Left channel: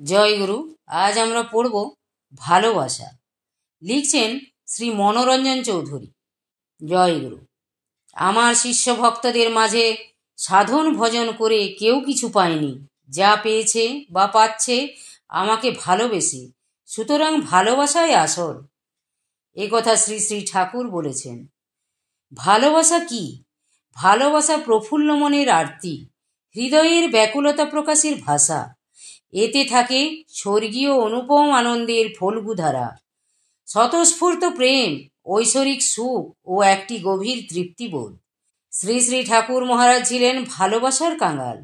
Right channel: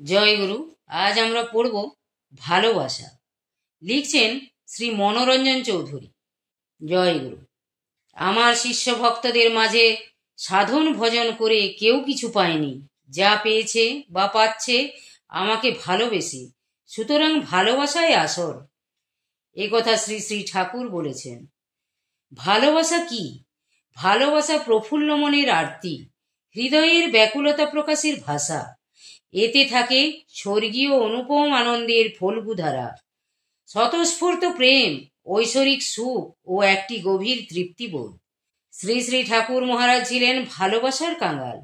জয় গুরু। আজ আমরা পড়ব ভালোবাসা। লিখছেন শ্রী মনোরঞ্জন চৌধুরী। জয় গুরু। আমার শিষ্য ভক্তদের মাঝে সাধন ভজন করে কেউ কিছু পায়নি, যা পেয়েছে বা পাচ্ছে আমাকে ভালোবেসে, সুতরাং ভালোবাসাই আসল। একথা শ্রী শ্রী ঠাকুর বলেছেন। ভালোবাসা কি? ভালোবাসা প্রফুল্ল মনের আরতি, হৃদয়ের ব্যাকুলতা প্রকাশের ভাষা। এতে থাকে স্বর্গীয় অনুপম আনন্দের ফল্গুধারা, স্বতঃস্ফূর্ত প্রেম, ঐশ্বরিক সুখ ও একটি গভীর তৃপ্তিবোধ। শ্রী শ্রী ঠাকুর মহারাজ ছিলেন ভালোবাসার কাঙাল।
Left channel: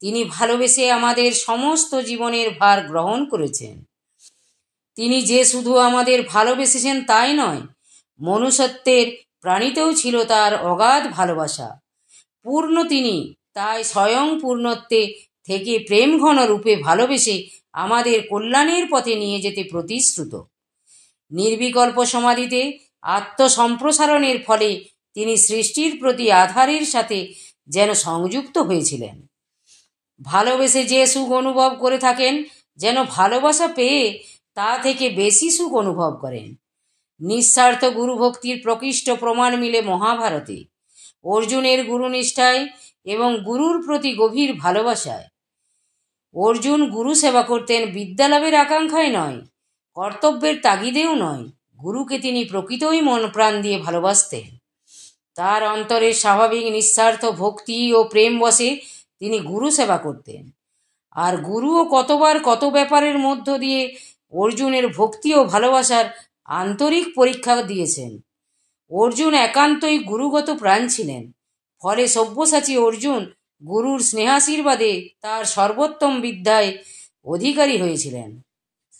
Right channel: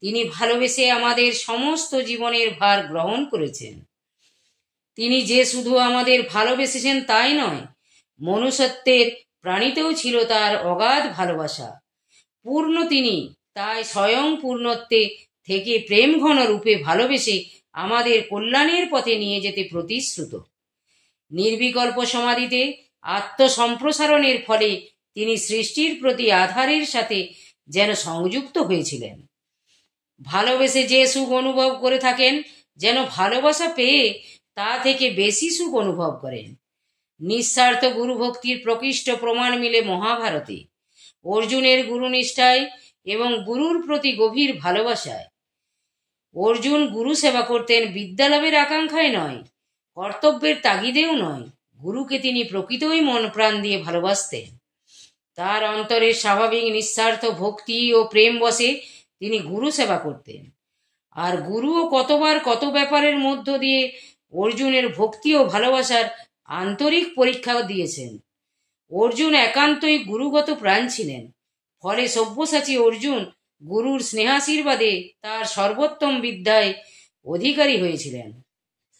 তিনি ভালোবেসে আমাদের সমস্ত জীবনের ভার গ্রহণ করেছেন। তিনি যে শুধু আমাদের ভালোবেসেছেন তাই নয়, মনুষ্যত্বের প্রাণীতেও ছিল তার অগাধ ভালোবাসা। পূর্ণ তিনি, তাই স্বয়ং পূর্ণত্বে থেকে প্রেম ঘন রূপে ভালোবেসে আমাদের কল্যাণের পথে নিয়ে যেতে প্রতিশ্রুত। নির্বিকল্প সমাধিতে আত্মসম্প্রসারণের ফলে তিনি সৃষ্টির প্রতি আধারের সাথে যেন সংযুক্ত হয়েছিলেন। ভালোবেসে যে সুখ অনুভব করে থাকেন, যেন ভালোবাসা পেয়ে তা থেকে বেশি সুখ অনুভব করেন। নিঃস্বার্থ গুরুভক্তির প্রকৃষ্ট প্রমাণ মিলে মহাভারতে। অর্জুনের গুরুনিষ্ঠায় এবং গুরুর প্রতি গভীর ভালোবাসায়। অর্জুন গুরু সেবা করতেন বিদ্যালাভের আকাঙ্ক্ষায় নয়, কর্তব্যের তাগিদেও নয়। গুরুকে তিনি প্রকৃতই মন প্রাণ দিয়ে ভালোবাসতেন। তার অন্তরের স্বাভাবিক নিঃস্বার্থ ভক্তি ও প্রেম বশে তিনি গুরু সেবা করতেন। আর গুরুও কতবার কত ব্যাপারের মধ্য দিয়ে অর্জুনের ভক্তি ও ভালোবাসার আন্তরিক পরীক্ষা দিয়েছেন। অর্জুন একান্তই গুরুগত প্রাণ ছিলেন। ফলে সব্যসাচী অর্জুন গুরুর স্নেহাশীর্বাদে তার সর্বোত্তম বিদ্যায় অধিকারী হয়েছিলেন।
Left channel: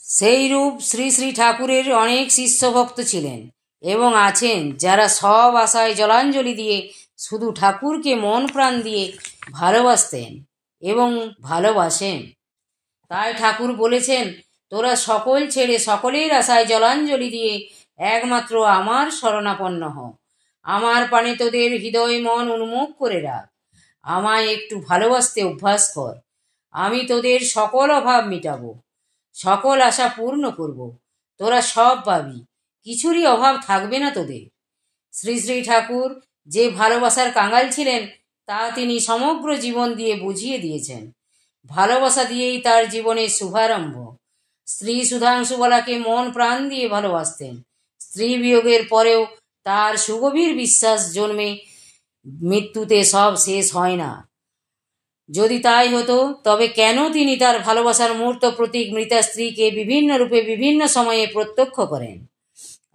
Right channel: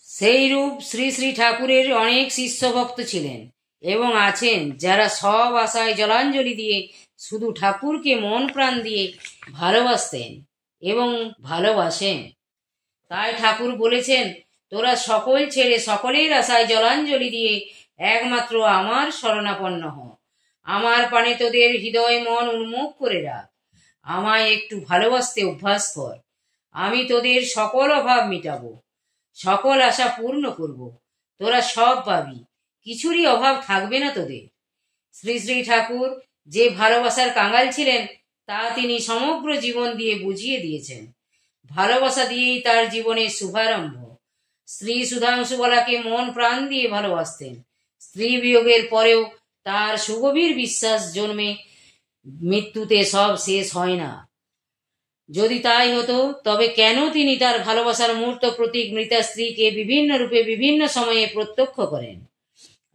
সেই রূপ শ্রী শ্রী ঠাকুরের অনেক শিষ্য ভক্ত ছিলেন এবং আছেন, যারা সব আশায় জলাঞ্জলি দিয়ে শুধু ঠাকুরকে মন প্রাণ দিয়ে ভালোবাসতেন এবং ভালোবাসেন। তাই ঠাকুর বলেছেন, তোরা সকল ছেড়ে সকলের আশায় জলাঞ্জলি দিয়ে একমাত্র আমার শরণাপন্ন হ। আমার পানে তোদের হৃদয় মন উন্মুখ করে রাখ। আমায় একটু ভালোবাসতে অভ্যাস কর। আমি তোদের সকল অভাব মিটাবো, সকল আশা পূর্ণ করব। তোরা সব পাবি, কিছুরই অভাব থাকবে না তোদের। শ্রী শ্রী ঠাকুর যে ভালোবাসার কাঙাল ছিলেন, তা তিনি সমগ্র জীবন দিয়ে বুঝিয়ে দিয়েছেন। ভালোবাসা দিয়েই তার জীবনের শুভারম্ভ। স্ত্রী সুধাংশুবালাকে মন প্রাণ দিয়ে ভালোবাসতেন। স্ত্রী বিয়োগের পরেও তার সুগভীর বিশ্বাস জন্মে মৃত্যুতে সব শেষ হয় না। যদি তাই হতো, তবে কেন তিনি তার ভালোবাসার মূর্ত প্রতীক মৃতা স্ত্রীকে বিভিন্ন রূপে বিভিন্ন সময়ে প্রত্যক্ষ করেন?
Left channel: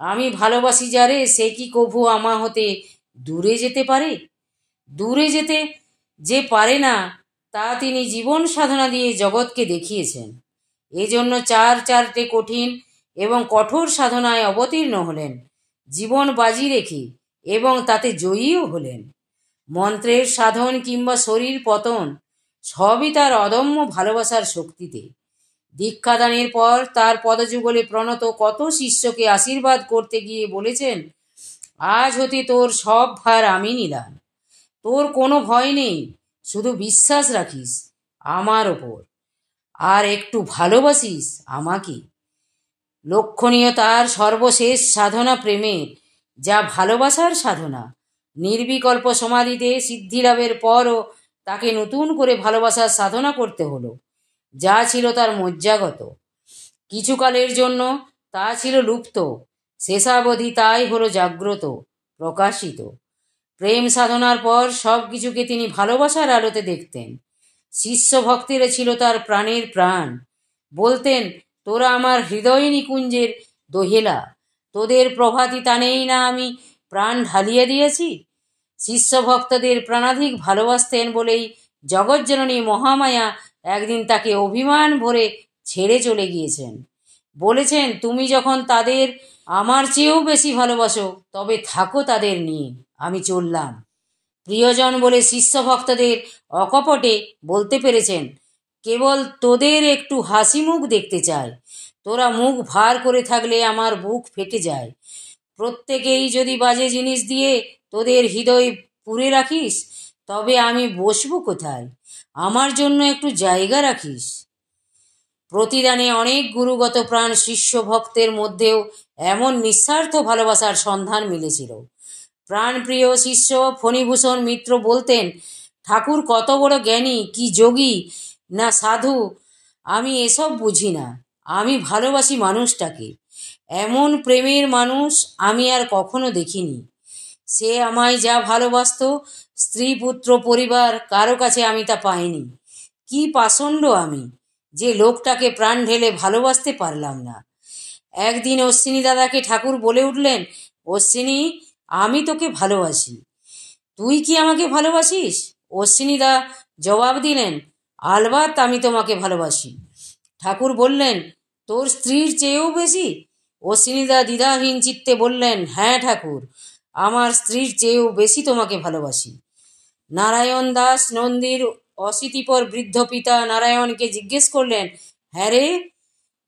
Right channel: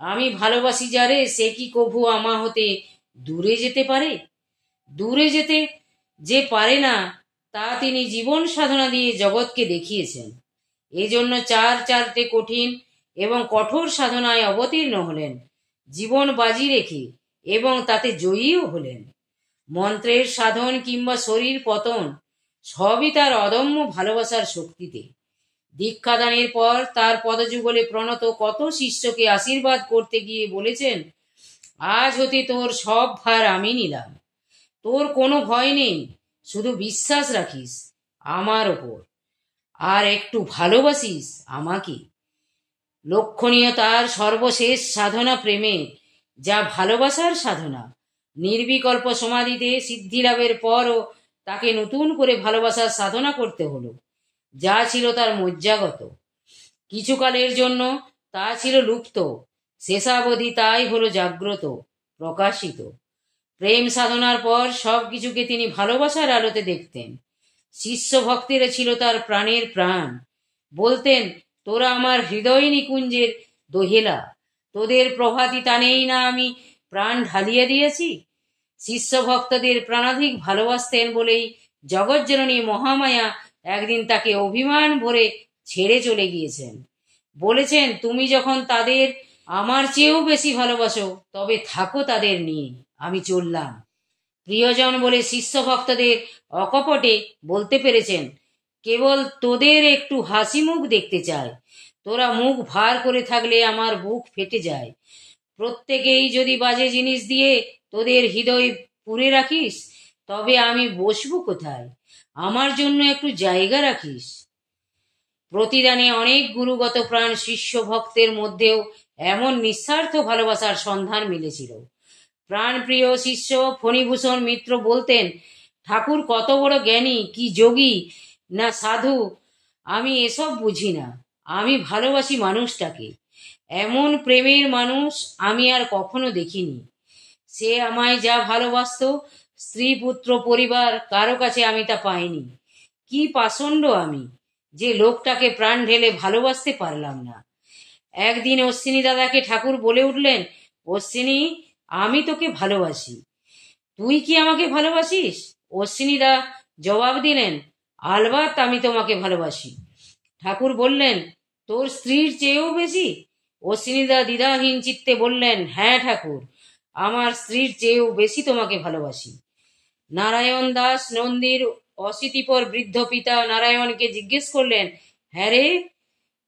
আমি ভালোবাসি যারে, সে কি কভু আমা হতে দূরে যেতে পারে? দূরে যেতে যে পারে না, তা তিনি জীবন সাধনা দিয়ে জগৎকে দেখিয়েছেন। এজন্য চারটে কঠিন এবং কঠোর সাধনায় অবতীর্ণ হলেন, জীবন বাজি রেখে, এবং তাতে জয়ীও হলেন। মন্ত্রের সাধন কিংবা শরীর পতন সবই তার অদম্য ভালোবাসার শক্তিতে। দীক্ষাদানের পর তার পদযুগলে প্রণত কত শিষ্যকে আশীর্বাদ করতে গিয়ে বলেছেন, আজ হতে তোর সব ভার আমি নিলাম। তোর কোনো ভয় নেই, শুধু বিশ্বাস রাখিস আমার ওপর, আর একটু ভালোবাসিস আমাকে। লক্ষণীয় তার সর্বশেষ সাধনা প্রেমের, যা ভালোবাসার সাধনা। নির্বিকল্প সমাধিতে সিদ্ধিলাভের পরও তাকে নতুন করে ভালোবাসার সাধনা করতে হলো, যা ছিল তার মজ্জাগত। কিছুকালের জন্য তা ছিল লুপ্ত, শেষাবধি তাই হলো জাগ্রত, প্রকাশিত। প্রেম সাধনার পর সব কিছুকে তিনি ভালোবাসার আলোতে দেখতেন। শিষ্য ভক্তিরা ছিল তার প্রাণের প্রাণ। বলতেন, তোরা আমার হৃদয় নিকুঞ্জের দোহেলা, তোদের প্রভাতী টানেই না আমি প্রাণ ঢালিয়ে দিয়েছি। শিষ্য ভক্তদের প্রাণাধিক ভালোবাসতেন বলেই জগজ্জননী মহামায়া একদিন তাকে অভিমান ভরে ছেড়ে চলে গিয়েছেন। বলেছেন, তুমি যখন তাদের আমার চেয়েও বেশি ভালোবাসো, তবে থাকো তাদের নিয়ে, আমি চললাম। প্রিয়জন বলে শিষ্য ভক্তদের অকপটে বলতে পেরেছেন, কেবল তোদের একটু হাসি মুখ দেখতে চাই। তোরা মুখ ভার করে থাকলে আমার বুক ফেটে যায়। প্রত্যেকেই যদি বাজে জিনিস দিয়ে তোদের হৃদয় পুরে রাখিস, তবে আমি বসবো কোথায়? আমার জন্য একটু জায়গা রাখিস। প্রতিদানে অনেক গুরুগত প্রাণ শিষ্য ভক্তের মধ্যেও এমন নিঃস্বার্থ ভালোবাসার সন্ধান মিলেছিল। প্রাণপ্রিয় শিষ্য ফণীভূষণ মিত্র বলতেন, ঠাকুর কত বড় জ্ঞানী, কি যোগী না সাধু, আমি এসব বুঝি না, আমি ভালোবাসি মানুষটাকে। এমন প্রেমের মানুষ আমি আর কখনো দেখিনি। সে আমায় যা ভালোবাসত, স্ত্রী পুত্র পরিবার কারো কাছে আমি তা পাইনি। কি পাষণ্ড আমি, যে লোকটাকে প্রাণ ঢেলে ভালোবাসতে পারলাম না। একদিন অশ্বিনী দাদাকে ঠাকুর বলে উঠলেন, অশ্বিনী, আমি তোকে ভালোবাসি, তুই কি আমাকে ভালোবাসিস? অশ্বিনী দা জবাব দিলেন, আলবাত আমি তোমাকে ভালোবাসি। ঠাকুর বললেন, তোর স্ত্রীর চেয়েও বেশি? অশ্বিনী দা দ্বিধাহীন চিত্তে বললেন, হ্যাঁ ঠাকুর, আমার স্ত্রীর চেয়েও বেশি তোমাকে ভালোবাসি। নারায়ণ দাস নন্দীর অশীতিপর বৃদ্ধ পিতা নারায়ণকে জিজ্ঞেস করলেন, হ্যাঁ রে,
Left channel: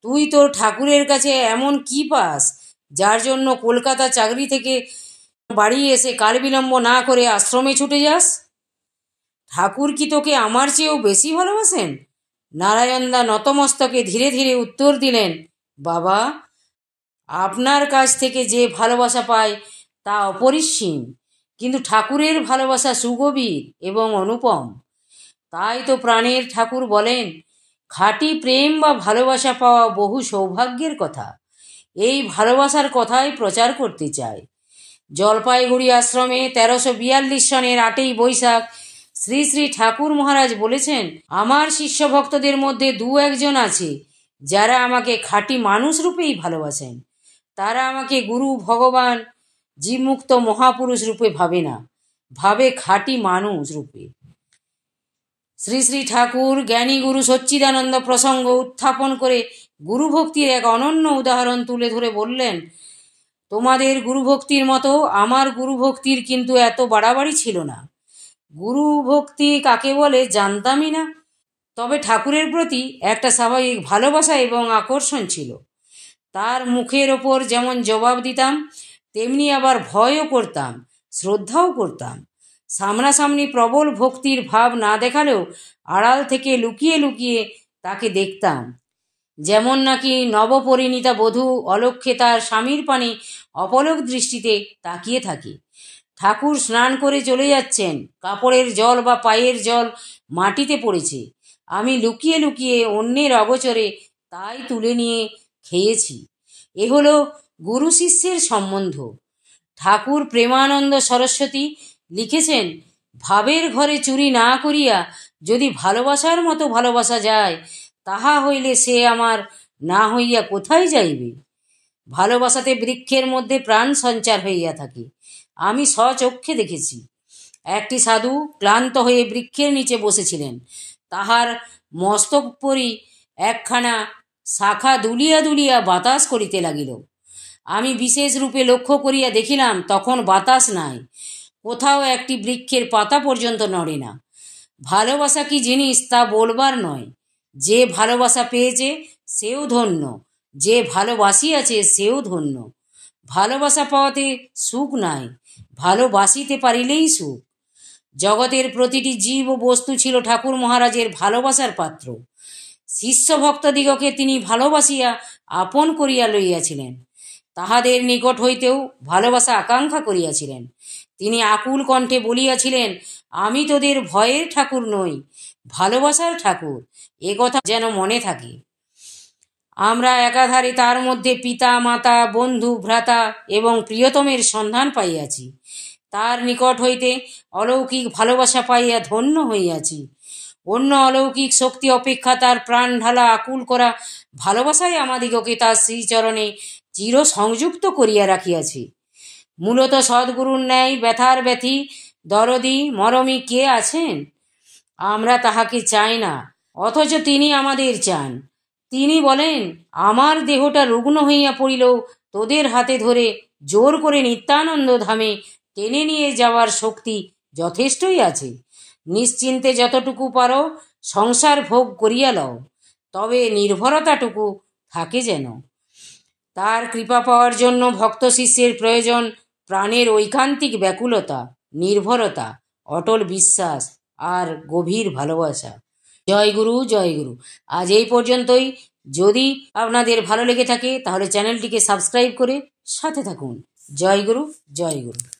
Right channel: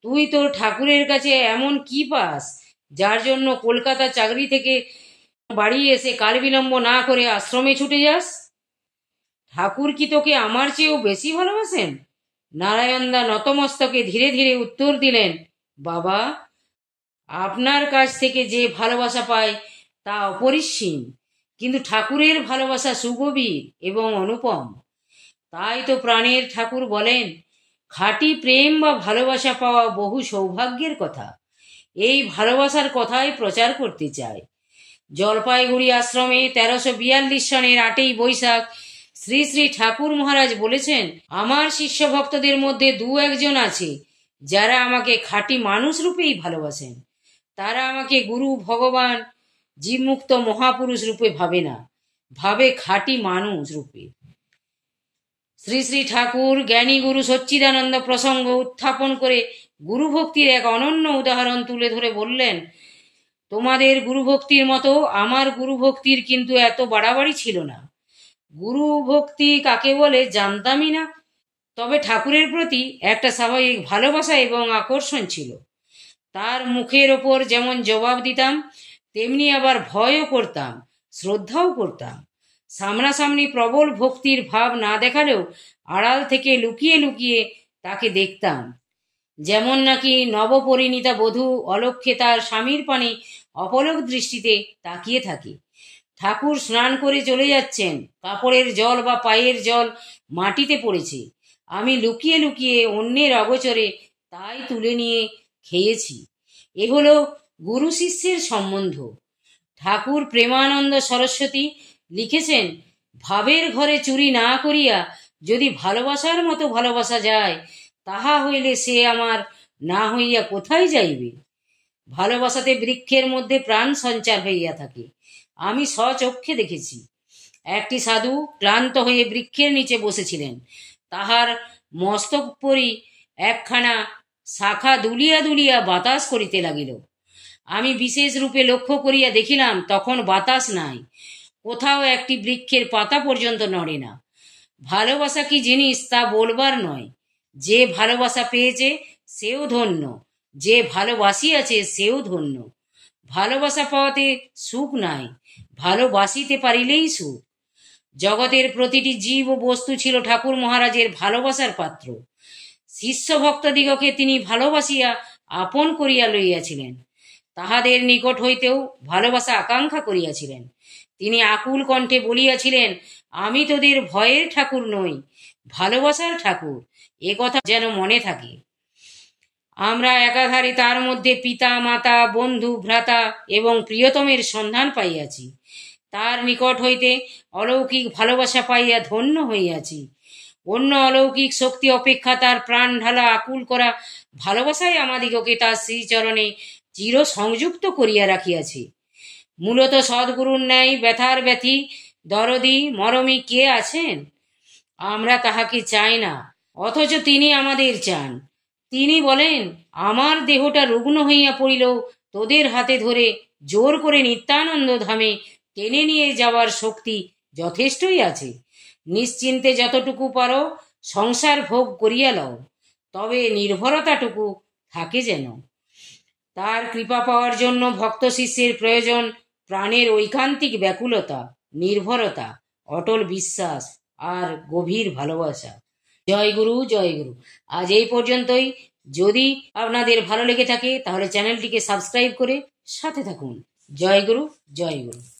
তুই তোর ঠাকুরের কাছে এমন কি পাস, যার জন্য কলকাতা চাকরি থেকে বাড়ি এসে কাল বিলম্ব না করে আশ্রমে ছুটে যাস? ঠাকুর কি তোকে আমার চেয়েও বেশি ভালোবাসেন? নারায়ণদা নতমস্তকে ধীরে ধীরে উত্তর দিলেন, বাবা, আপনার কাছ থেকে যে ভালোবাসা পাই তা অপরিসীম, কিন্তু ঠাকুরের ভালোবাসা সুগভীর এবং অনুপম। তাই তো প্রাণের ঠাকুর বলেন, খাঁটি প্রেম বা ভালোবাসা পাওয়া বহু সৌভাগ্যের কথা। এই ভালোবাসার কথাই প্রচার করতে চাই। জলপাইগুড়ি আশ্রমে 1342 সনের 8ই বৈশাখ শ্রী শ্রী ঠাকুর মহারাজ বলেছেন, আমার শিষ্য ভক্তদের মধ্যে 2-1 জন আছে যারা আমাকে খাঁটি মানুষ রূপেই ভালোবাসেন। তারা আমাকে গুরু, ভগবান, জীবমুক্ত মহাপুরুষ রূপে ভাবে না, ভাবে খাঁটি মানুষ রূপে। শ্রী শ্রী ঠাকুর জ্ঞানী গুরু সচ্চিদানন্দ প্রসঙ্গ উত্থাপন করে গুরুভক্তির এক অনন্য উদাহরণ তুলে ধরে বললেন, তোমাদের গুরুভক্তির মতো আমার গুরুভক্তির কিন্তু এত বাড়াবাড়ি ছিল না। গুরুভক্তি কাকে বলে জানতামই না, তবে ঠাকুরের প্রতি একটা স্বাভাবিক ভালোবাসা এবং আকর্ষণ ছিল। তার মুখের ওপর যেমন জবাব দিতাম, তেমনি আবার ভয়ও করতাম, শ্রদ্ধাও করতাম। সামনাসামনি প্রবল ভক্তির ভাব না দেখালেও আড়াল থেকে লুকিয়ে লুকিয়ে তাকে দেখতাম, যেমন নাকি নবপরিণীতা বধূ অলক্ষ্যে তার স্বামীর পানে অপলক দৃষ্টিতে তাকিয়ে থাকে। ঠাকুর স্নান করে চলে যাচ্ছেন, কাপড়ের জল বা পায়ের জল মাটিতে পড়েছে, আমি লুকিয়ে লুকিয়ে অন্যের অগোচরে তাই তুলে নিয়ে খেয়েছি। এ হলো গুরু শিষ্যের সম্বন্ধ। ঠাকুর প্রেমানন্দ সরস্বতী লিখেছেন, ভাবের ঘরে চুরি না করিয়া যদি ভালোবাসার মতো ভালোবাসা যায়, তাহা হইলে সে আমার না হইয়া কোথায় যাইবে? ভালোবাসাতে বৃক্ষের মধ্যে প্রাণ সঞ্চার হইয়া থাকে। আমি স্বচক্ষে দেখেছি। একটি সাধু ক্লান্ত হয়ে বৃক্ষের নিচে বসেছিলেন, তাহার মস্তক পরি একখানা শাখা দুলিয়া দুলিয়া বাতাস করিতে লাগিল। আমি বিশেষ রূপে লক্ষ্য করিয়া দেখিলাম, তখন বাতাস নাই, কোথাও একটি বৃক্ষের পাতা পর্যন্ত নড়ে না। ভালোবাসা কি জিনিস তা বলবার নয়। যে ভালোবাসা পেয়েছে সেও ধন্য, যে ভালোবাসিয়াছে সেও ধন্য। ভালোবাসা পাওয়াতে সুখ নাই, ভালোবাসিতে পারিলেই সুখ। জগতের প্রতিটি জীব ও বস্তু ছিল ঠাকুর মহারাজের ভালোবাসার পাত্র। শিষ্য ভক্তদিগকে তিনি ভালোবাসিয়া আপন করিয়া লইয়াছিলেন। তাহাদের নিকট হইতেও ভালোবাসা আকাঙ্ক্ষা করিয়াছিলেন। তিনি আকুল কণ্ঠে বলিয়াছিলেন, আমি তোদের ভয়ের ঠাকুর নই, ভালোবাসার ঠাকুর। এ কথা যেন মনে থাকে। আমরা একাধারে তার মধ্যে পিতা, মাতা, বন্ধু, ভ্রাতা এবং প্রিয়তমের সন্ধান পাইয়াছি। তার নিকট হইতে অলৌকিক ভালোবাসা পাইয়া ধন্য হইয়াছি। অন্য অলৌকিক শক্তি অপেক্ষা তার প্রাণ ঢালা আকুল করা ভালোবাসায় আমাদিগকে তার শ্রীচরণে চির সংযুক্ত করিয়া রাখিয়াছে। মূলত সদ্গুরুর ন্যায় ব্যথার ব্যথী, দরদি, মরমী কে আছেন? আমরা তাহাকে চাই না, অথচ তিনি আমাদের চান। তিনি বলেন, আমার দেহটা রুগ্ন হইয়া পড়িলেও তোদের হাতে ধরে জোর করে নিত্যানন্দ ধামে টেনে নিয়ে যাওয়ার শক্তি যথেষ্টই আছে। নিশ্চিন্তে যতটুকু পারো সংসার ভোগ করিয়া লও, তবে নির্ভরতাটুকু থাকে যেন। তার কৃপা পাওয়ার জন্য ভক্ত শিষ্যের প্রয়োজন প্রাণের ঐকান্তিক ব্যাকুলতা, নির্ভরতা, অটল বিশ্বাস আর গভীর ভালোবাসা। জয় গুরু, জয় গুরু। আজ এই পর্যন্তই। যদি আপনাদের ভালো লেগে থাকে তাহলে চ্যানেলটিকে সাবস্ক্রাইব করে সাথে থাকুন। জয় গুরু, জয় গুরু।